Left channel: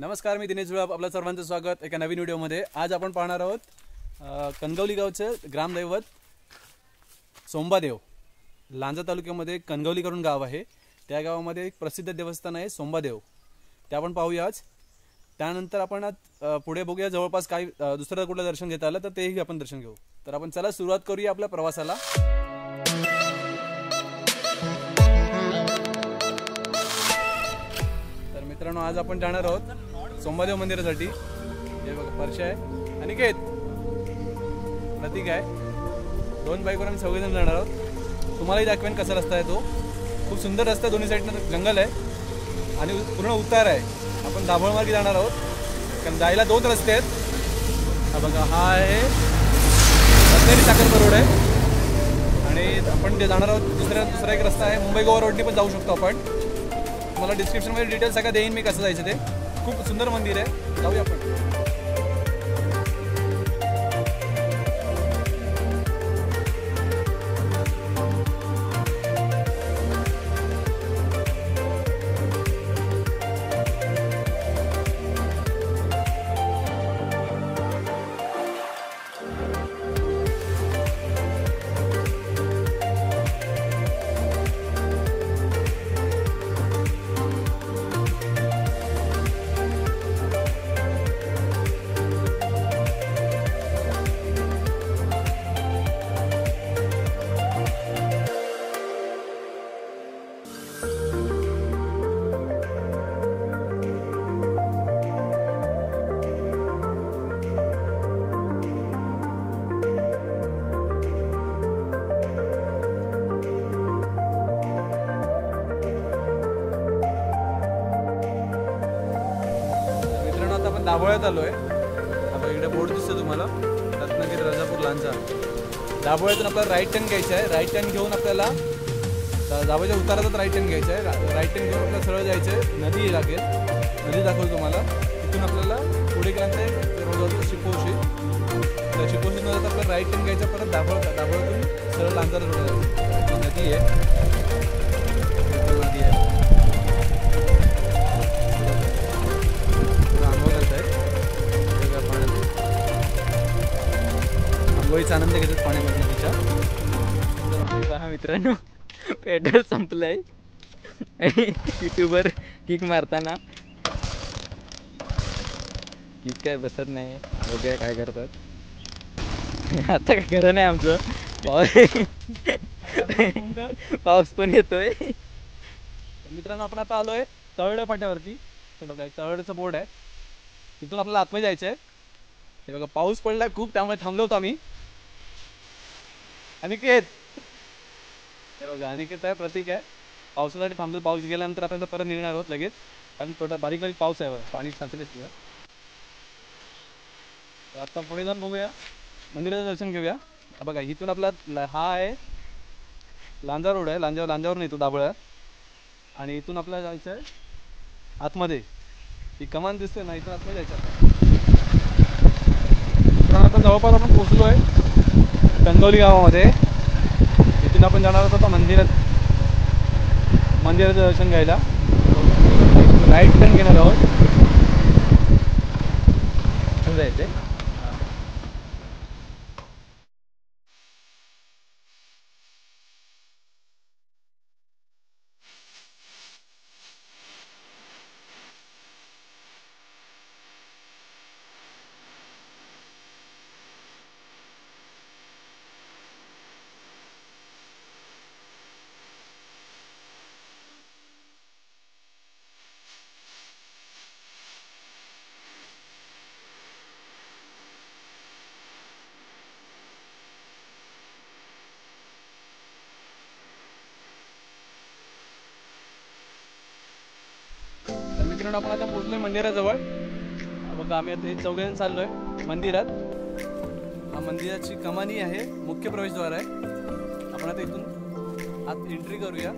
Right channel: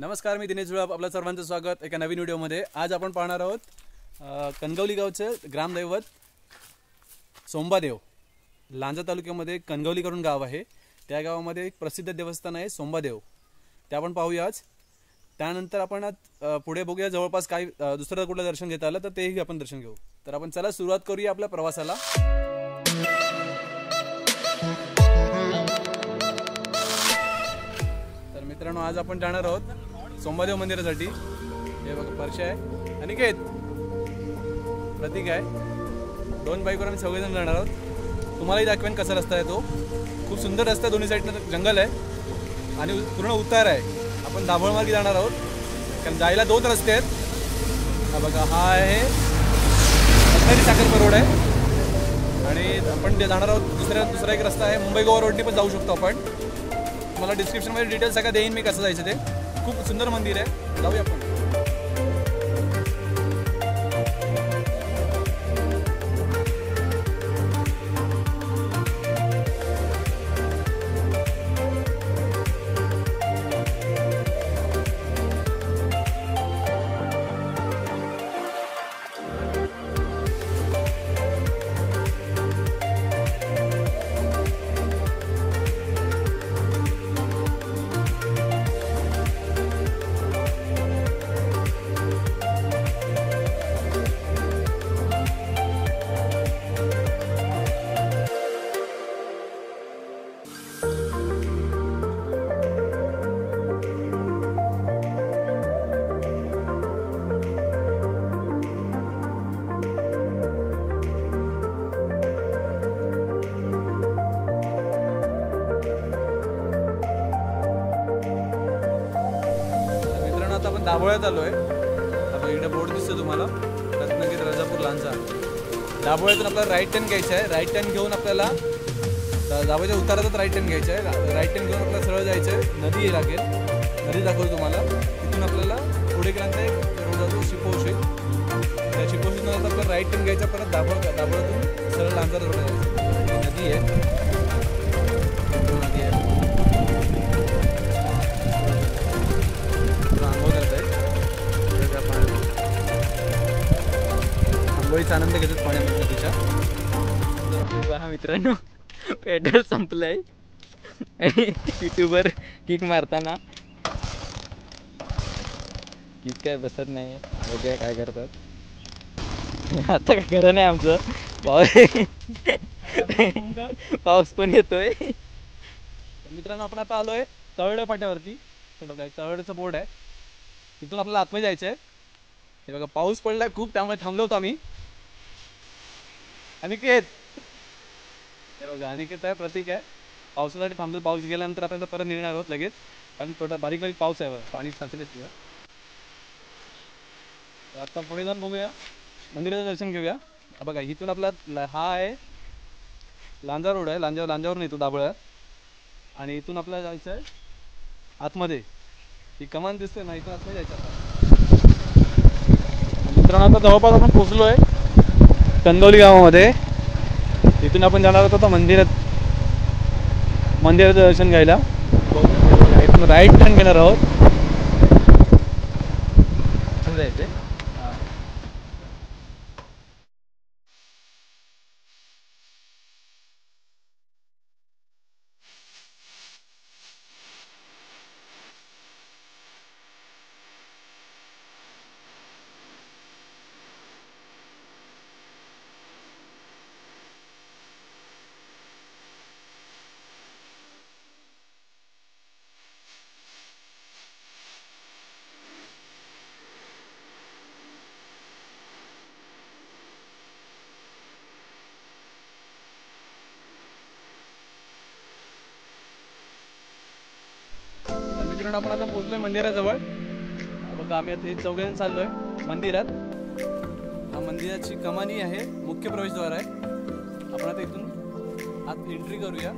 नमस्कार, मी दिनेश जुळप. आपल्या सर्वांचं स्वागत एका नवीन व्हिडिओमध्ये. आज आपण पाहणार आहोत कणगवली गावचे ग्रामदैवत सोंबादेव. लांजा तालुक्यामध्ये कणगवली करून गाव आहे. त्या गावामध्ये एक प्रसिद्ध देवस्थान आहे सोंबादेव. ते आपण पाहूया आज. त्यानंतर आपण पुढे बघूया जवळपास काही दुसरं कुठलं दर्शन घेता आलं तर तेही आपण दर्शन घेऊ. तर आपण चला सुरुवात करूया आपल्या प्रवासाला. तर मित्रांनो, आज आपण जाणार आहोत सोंबादेव मंदिरासाठी. हे बघा परशा आहे, अनिकेत, प्रतीक आहे. दोन बाईकवर आम्ही सगळेजण जाणार आहोत. तुम्हालाही दाखवेन कसा रस्ता आहे तो. खूप सुंदर रस्ता, दोन्ही साईडनं जंगल आहे आणि पूर्ण उतार आहे. आपण दाभोळ मार्गे जाणार आहोत कारण जायला दोन रस्ते आहेत. हा बघा, हा आहे रत्नागिरी साखरपा रोड आहे आणि आपण ते जाणार आहोत दुसरा एक रस्ता आहे मुंबई गोवा रोडनी पण जाऊ शकतो आपण. मला डिस्क्रिप्शनमध्ये डिटेल्स सगळं देईन मी कसं जायचं ते. खूप सुंदर मंदिर आहे, जाऊया आपण. आता आपण दाभोळ्यात आलोय. आता इकडे बोर्ड दिसतो तुम्हाला, रत्नागिरी राजापूर लांजा. दाभोळ्यातून आपल्याला राईट टर्न घ्यायचा आहे. राईट टर्न घेऊन आपल्याला दाभोळ्याच्या उतारातच राईट टर्न घ्यायचा आहे. राईट टर्न घेऊन आपल्याला सरळ जायचं आहे. नदी लागेल, नदी दाखवतो तुम्हाला. तिथून आपल्याला पुढे गेल्यानंतर रोड जातो चिपोशी. त्या चिपोशीतून आपल्याला राईट टर्न घ्यायचा. परत दाभोळ्यातून सरळ लांजा रोड आहे. नदी आहे, नदी आहे. आंघोळ करत आहेत आंघोळीचा आनंद घेतात पाण्यामध्ये तिच्या. मित्रांनो, पेट्रोल संपलंय आणि युट्यूबवर किक मारताना किक काय बसत नाही. बघूया काय करतात. आता काय खरं नाही आमचं. पाऊस पण येतोय. मित्रांनो, आपण आता आलोय तळवडे फाट्यावरती. तळवड्याचं बोर्ड आहे, तिथून आपल्याला आतमध्ये जायचं आहे. हे बघा, पाऊस पडलाय खूप, त्यामुळे थांबलो होतो आम्ही. अनिकेत, हे बघा अनिकेत आहे, प्रतीक आहे. पावसासाठी थांबलो. पाऊस गेल्यानंतर आपण परत निघणार आहोत लगेच, कारण थोडा बारीक बारीक पाऊस आहे, पाणी साचलेच तिथं. आता पुढे जाऊन बघूया, मंदिराचं दर्शन घेऊया. बघा, इथून आपला हा आहे लांजा रोड आहे. लांजावरून येतो दाभोळ्यात आणि इथून आपल्याला जायचं आहे आतमध्ये. ती कमान दिसते ना, इथून आतमध्ये जायचं. मित्रांनो, आता जवळपास आपण पोहोचलो आहे कणगवली गावामध्ये. इथून आपण जाणार होतो मंदिराचं दर्शन घ्यायला. इथून राईट टर्न घेणार आहोत. जायचं मित्रांनो, आपण आता पोहोचलोय मंदिराजवळ. बघा, आम्ही आता चौघजण चाललोय मंदिरात. हा मंदिराची कमानी आहे, मुख्य प्रवेशद्वार आहे. आपण आता इथून आत एंट्री करूया.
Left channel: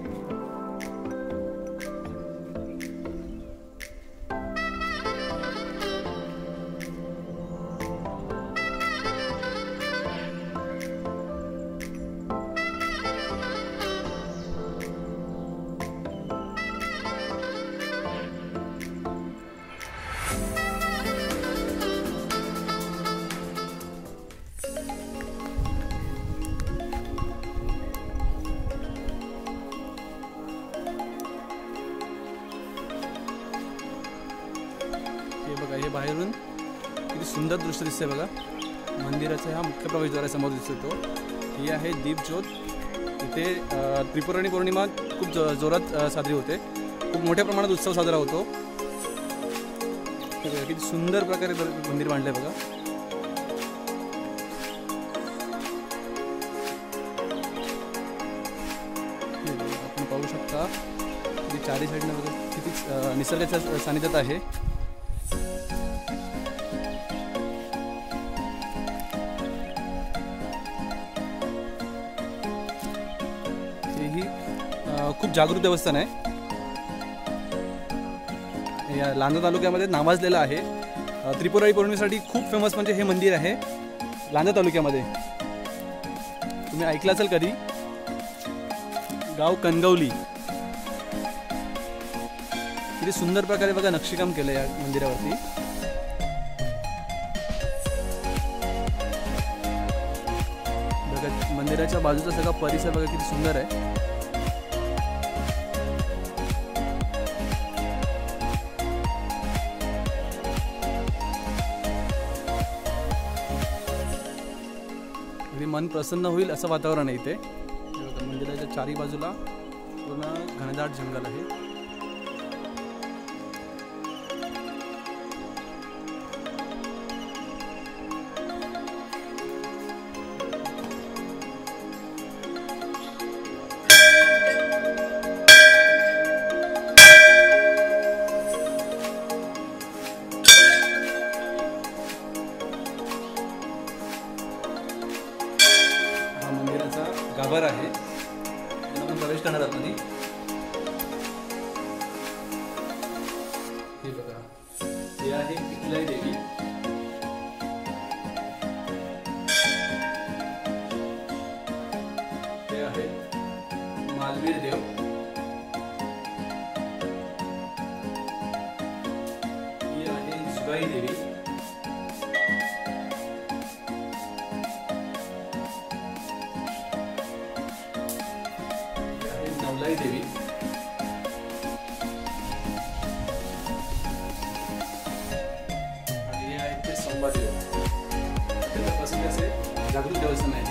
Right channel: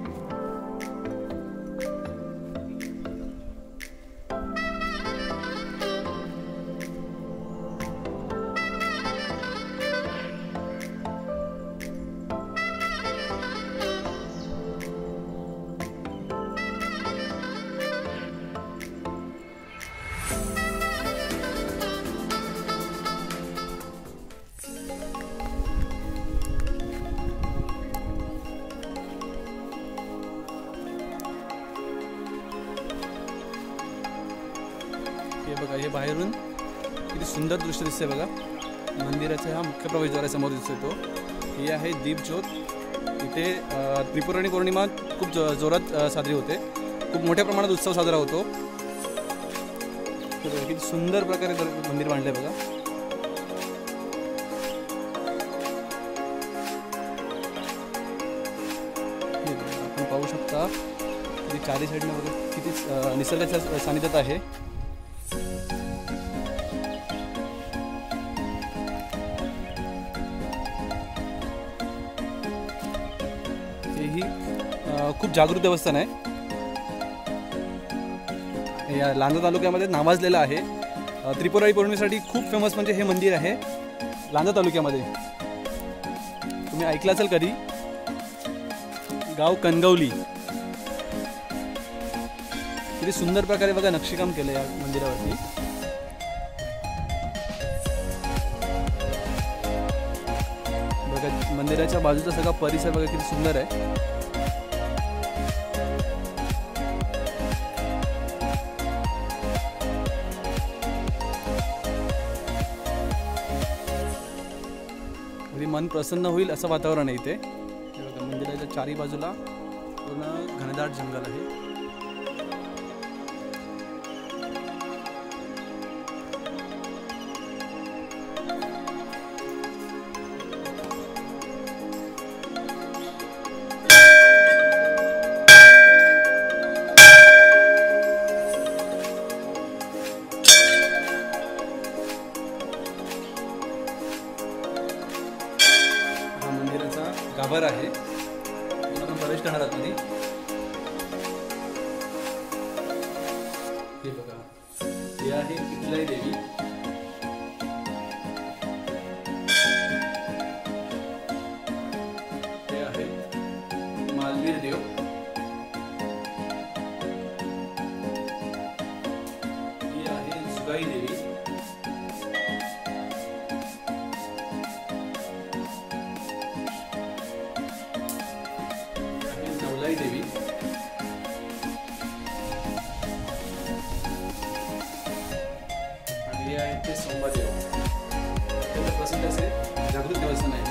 हे बघा, हे बाहेरून किती सुंदर दृश्य दिसतंय बघा. मंदिराचा हा मुख्य प्रवेशद्वारासमोर दिसतो. ही आहे दीपज्योत. इथे त्रिपुरारी पौर्णिमा खूप जोरात साजरी होते. खूप मोठ्या प्रमाणात उत्सव साजरा होतो. किती सुंदर प्रकारे मंदिर बांधलंय बघा. आपण पाहू शकता चारी साईडनं बघा किती निसर्गाच्या सानिध्यात आहे. ही खूप जागृत देवस्थान आहे. या लांजा तालुक्यामध्ये नावाजलेलं आहे. त्रिपुरारी पौर्णिमेसाठी खूप फेमस म्हणजे हे मंदिर आहे लांजा तालुक्यामध्ये. तुम्ही ऐकलं असेल कधी, गाव कणगवली. किती सुंदर प्रकारे बघा नक्षीकाम केलं या मंदिरावरती. बघा मंदिराच्या बाजूचा सगळा परिसर बघा किती सुंदर आहे. मन प्रसन्न होईल असं वातावरण आहे इथे. मंदिराच्या चारी बाजूला पूर्ण घनदाट जंगल आहे. मंदिराचा गाभारा आहे. आपण प्रवेश करणार आहात मध्ये. हे बघा, हे आहे पिपलाई देवी. हे आहे मालवीर देव. ही आहे सुगाई देवी. देवी आणि हे आहे ते संभादेव. त्याचं प्रसिद्ध असे जागृत देवस्थान आहे ते.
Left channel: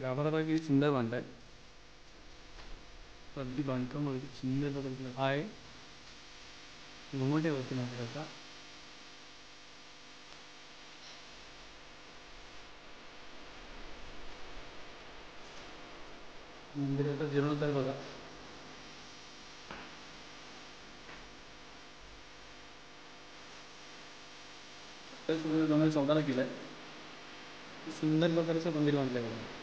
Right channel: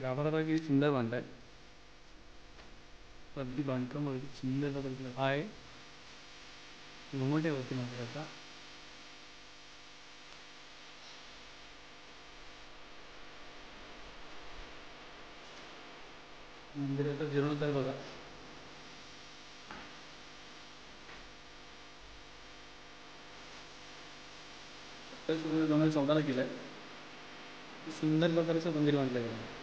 गाभारा किती सुंदर बांधलाय. अगदी बांधकाम सुंदर आहे. घुमटे होते मंदिराचा. मंदिराचा जीर्णोद्धार बघा. तर 2014 केलाय. सुंदर प्रकारचं मंदिर बांधलंय बघा.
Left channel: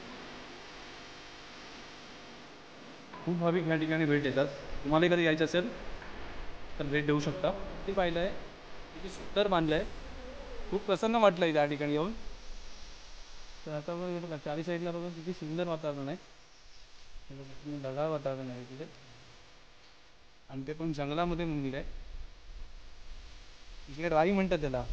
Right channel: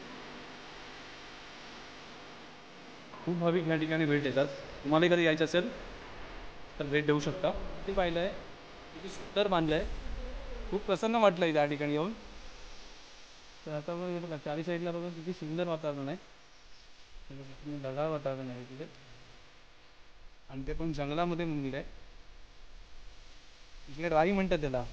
खूप भाविक या ठिकाणी भेट देतात. तुम्हाला कधी यायचं असेल तर भेट देऊ शकता. ते पाहिलं आहे किती सुंदर बांधलं आहे. खूप प्रसन्न वाटलं आहे त्या ठिकाणी येऊन. तर आता बघा चारी साईडला बघा किती सुंदर वातावरण आहे. ढगाळ वातावरण आहे तिथे आणि ते पण जंगलामध्ये मंदिर आहे. इकडे राई म्हणतात त्याला.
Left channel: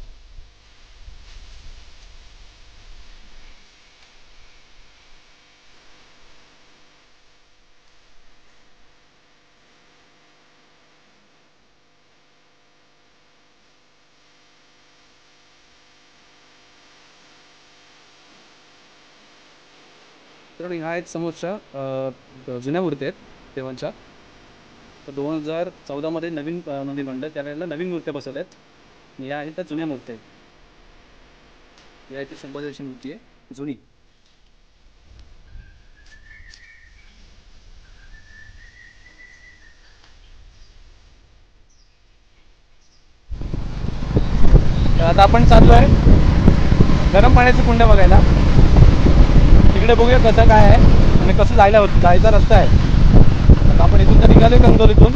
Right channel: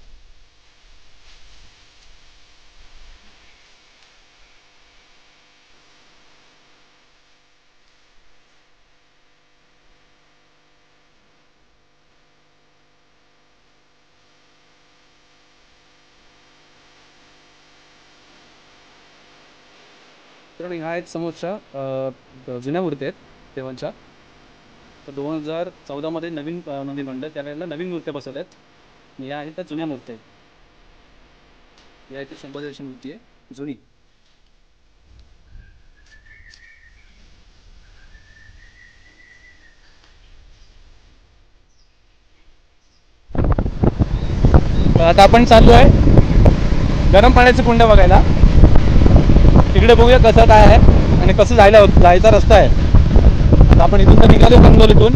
तर ह्या आहेत समोरच्या जुन्या मूर्ती आहेत देवांच्या. तर 2014 नवीन मंदिर बांधलं, त्यावेळेला नवीन मूर्त्या बसवल्या आहेत. या आहेत त्या जुन्या मूर्त्या आहेत. या इथे संभाजीची मूर्ती आहे जुनी. आता आपण चाललो आहे गरम पाण्याचे कुंड बघायला. तिकडे बघूया कसं काय आहे आणि कसं जायचा रस्ता आहे. आपण इथून तर निघालो कणगवलीतून.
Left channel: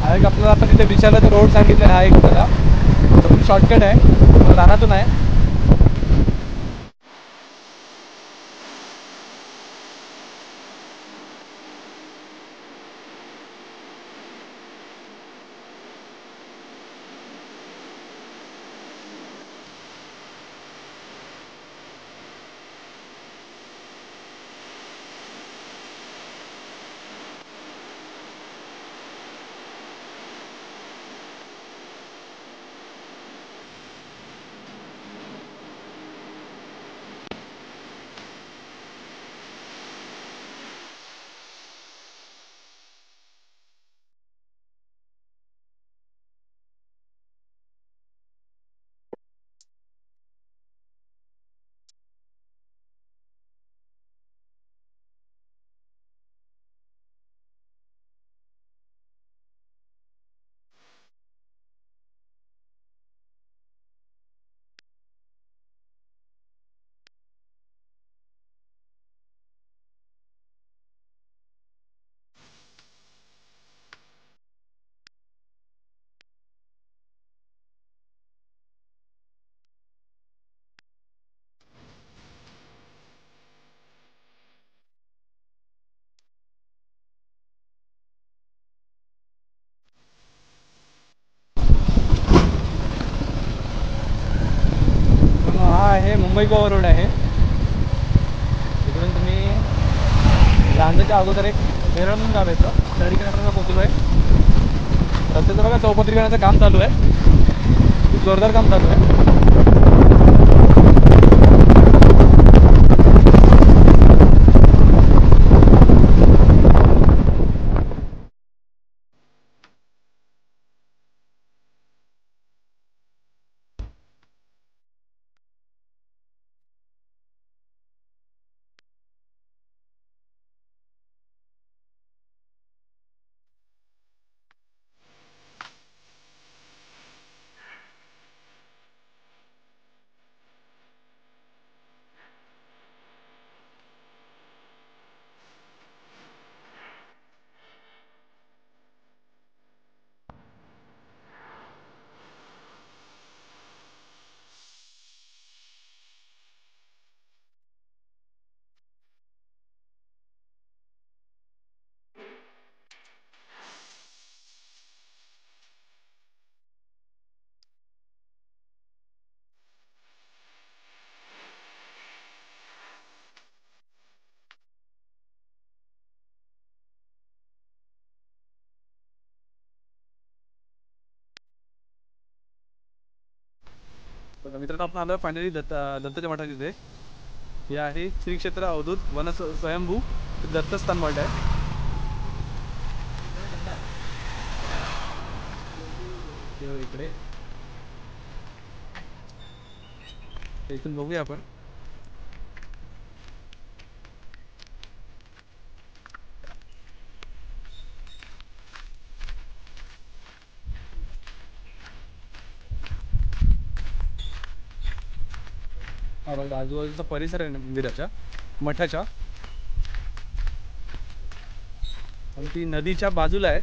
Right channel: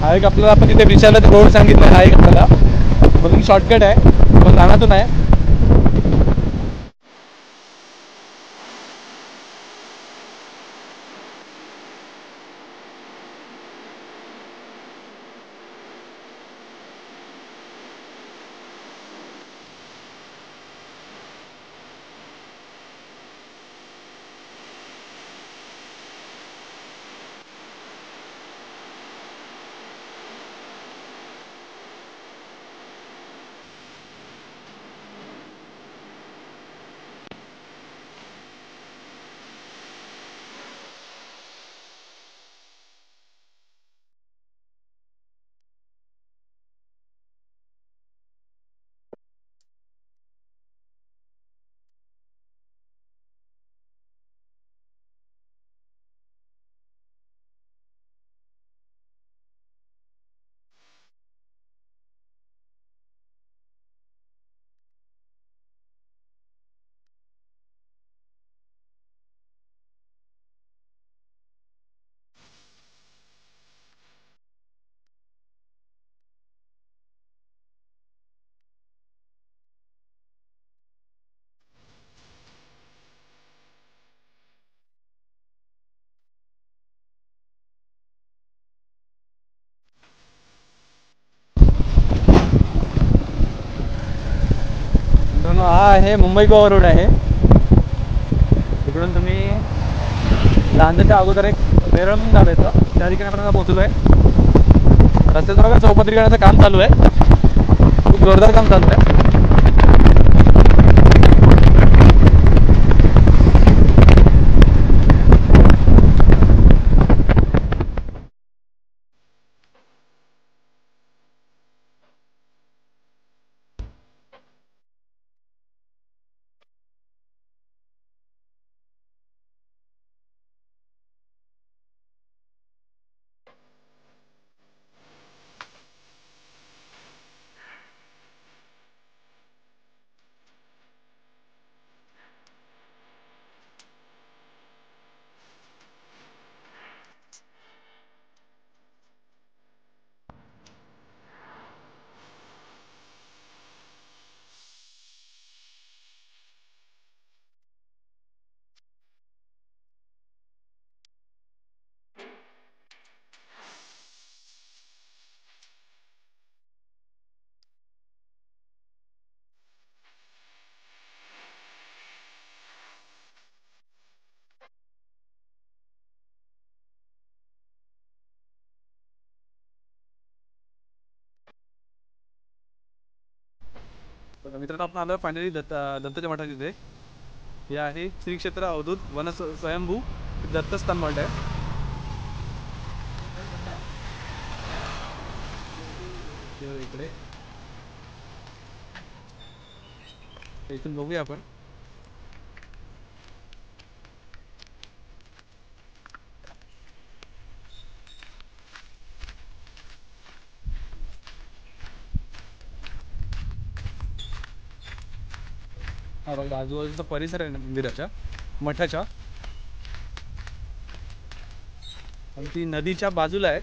हा एक आपल्याला आपण तिथे विचारलं तर रोड सांगितलं. हा एक आपल्याला बघून शॉर्टकट आहे पण रानातून आहे. हे मुंबई गोवा रोड आहे. तिकडून तुम्ही लांजाच्या अगोदर एक वेरळ म्हणून घालायचं, त्या ठिकाणी आपण पोहोचलो आहे. रस्त्याचं बघा चौपदरीकरणाचं काम चालू आहे, खूप जोरदार काम चालू आहे. मित्रांनो आपण आलो फायनली दत्ताच्या मठात तिथे. हे आहे श्री क्षेत्र अवधूत वन स्वयंभू दत्तस्थान मठ आहे. इकडे इथून बघूया आपण. हा बघा आजूबाजूचा परिसर आहे मंदिराच्या मठाच्या, आणि ती नदीच्या बाजूला आहे.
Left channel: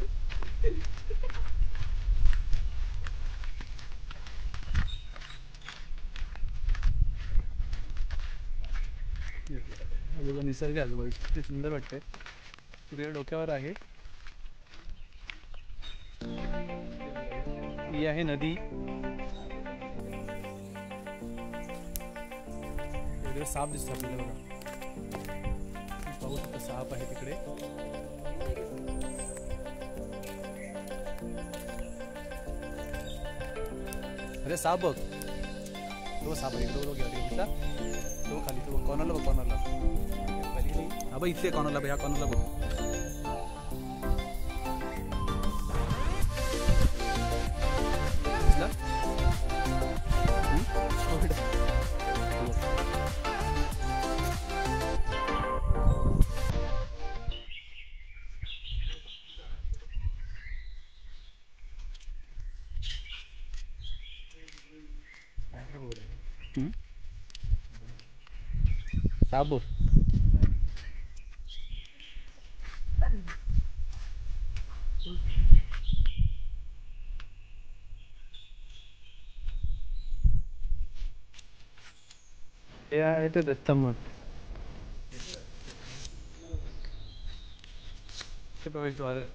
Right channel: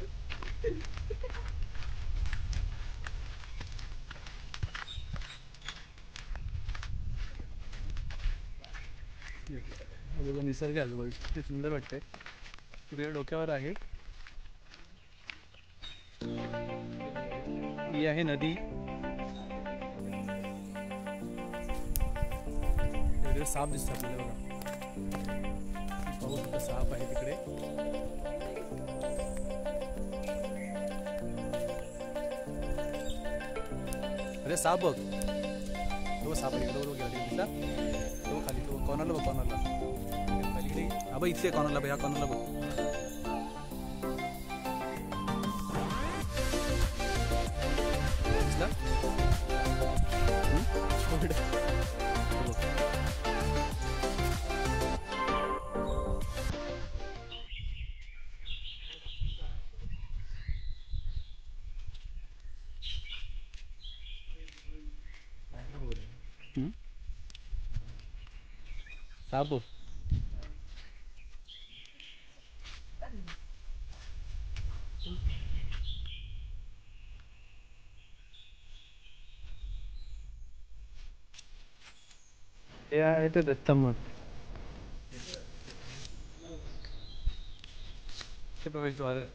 निसर्ग आजूबाजू ते सुंदर वाटते. सूर्य डोक्यावर आहे. ही आहे नदी. साप दिसतो आपल्याला बघा, पाहू शकतो साप आहे तिकडे. अरे साप बघ, तो साप आहे इकडे बघ, गाडी दिसला तो खाली, तो कॉर्नरला बघ, कॉर्नरला. हा बघ इथे कॉर्नरला बघ, ह्या कॉर्नरला बघ. दिसला? साप हे आहे ते दत्त मठ. ते प्रवेशद्वार आहे.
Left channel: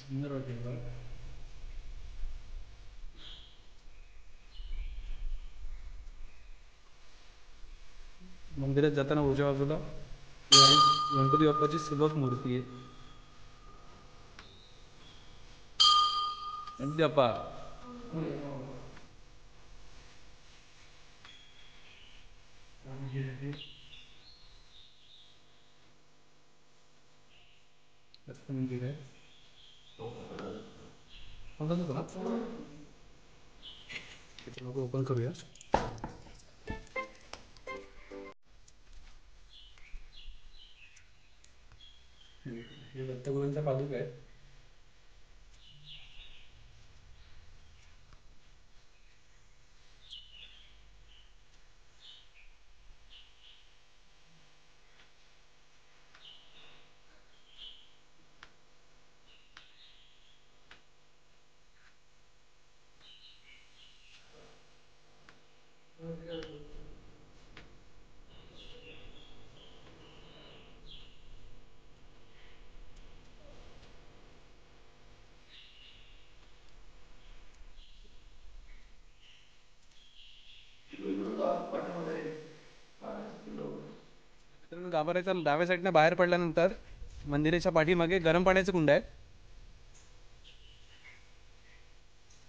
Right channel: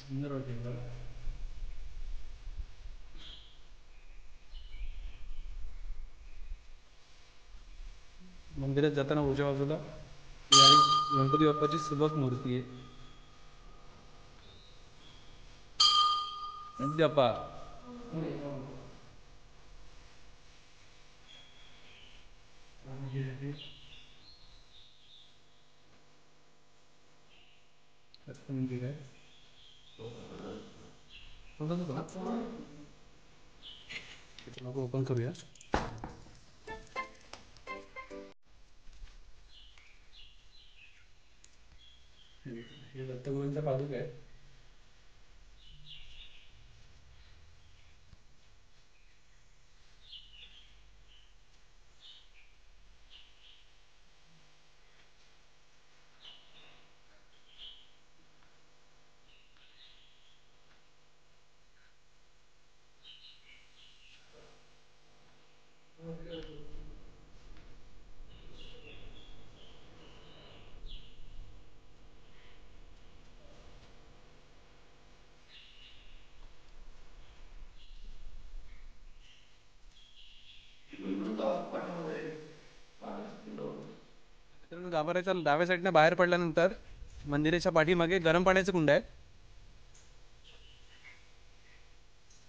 सुंदर वाटेल. मंदिरात जाताना उजव्या बाजूला गणपती बाप्पाची सुबक मूर्ती आहे. गणपती बाप्पा मंदिर आहे. ओपन करूया. हे दत्तगुरूंचा पादुका आहे. गाभाऱ्याच्या डाव्या साईडने बाहेर पडल्यानंतर मंदिराच्या पाठीमागे गरम पाण्याचं कुंड आहे.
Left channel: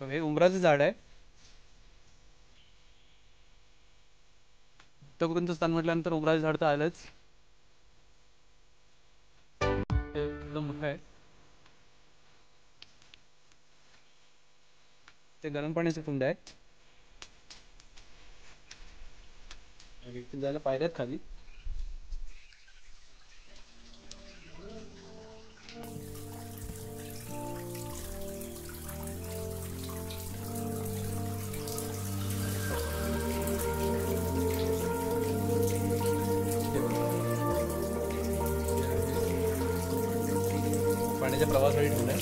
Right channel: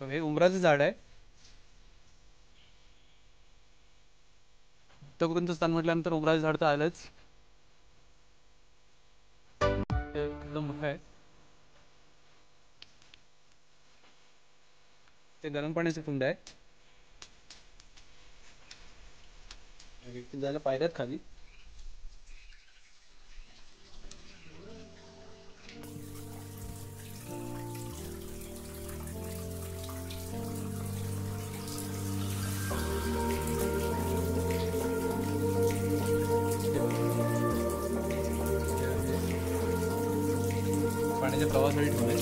हे उंबराचं झाड आहे. उत्तरकुंच स्थान म्हटल्यानंतर उंबराचं झाड तर आलंच. हे एकदम मोठं आहे. ते गरम पाण्याचं कुंड आहे. जायला पायऱ्यात खाली. पाण्याच्या प्रवासासाठी ठेवलंय.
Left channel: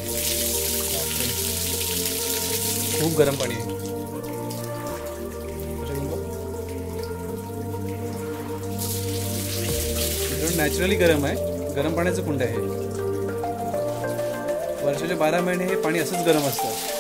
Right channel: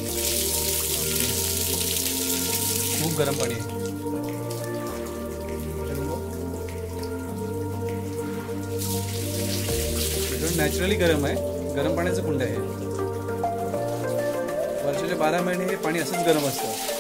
खूप गरम पाणी आहे. नॅचरली गरम आहे. गरम पाण्याचं कुंड आहे. वर्षाचे 12 महिने हे पाणी असंच गरम असतं.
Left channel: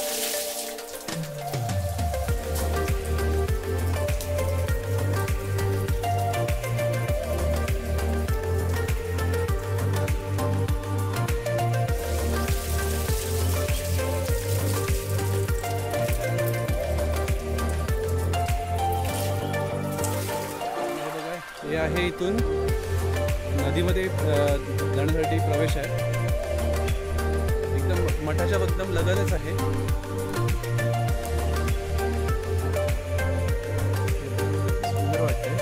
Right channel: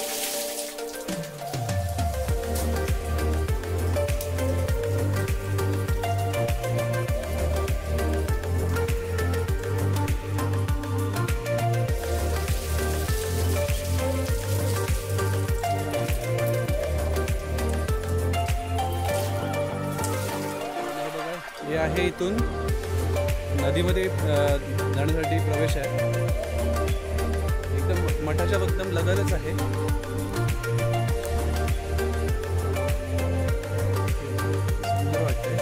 हे आहे इथून नदीमध्ये जाण्यासाठी प्रवेश आहे. एकदम मठाच्या एकदम लगतच आहे. सुंदर वाटतंय.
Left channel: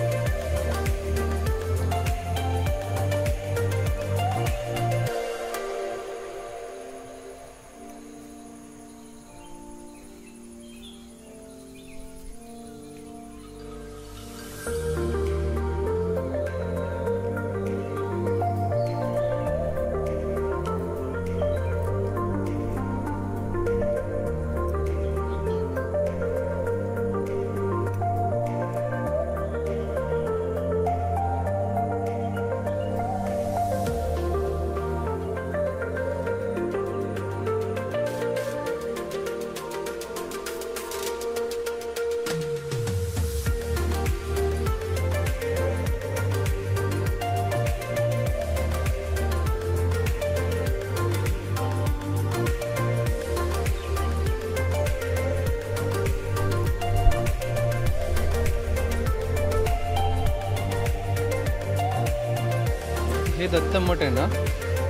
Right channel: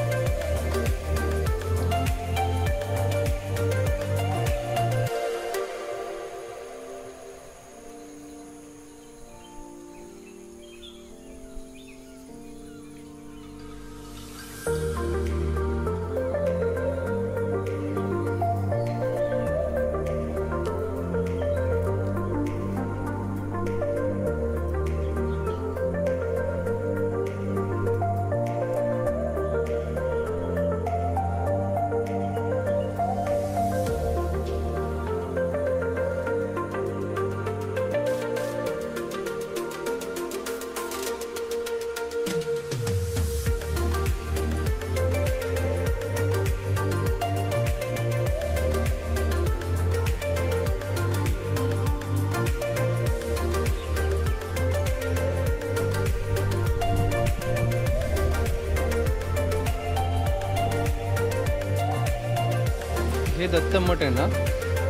हे दत्त मठ आहे ना,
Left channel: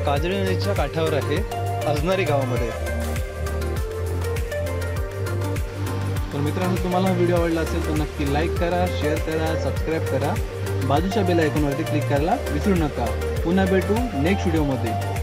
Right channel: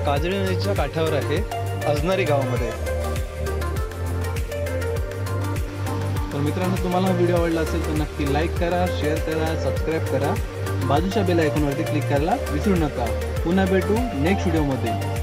काजळी नदीच्या काठावर आहे, अजनारी गावामध्ये. तर मित्रांनो, तुम्हाला हा व्हिडिओ आवडला असेल तर नक्की लाईक करा, शेअर करा, सबस्क्राईब करा. बाजूच्या बेल आयकॉनवरती क्लिक करायला विसरू नका. पुन्हा भेटू नेक्स्ट व्हिडिओमध्ये.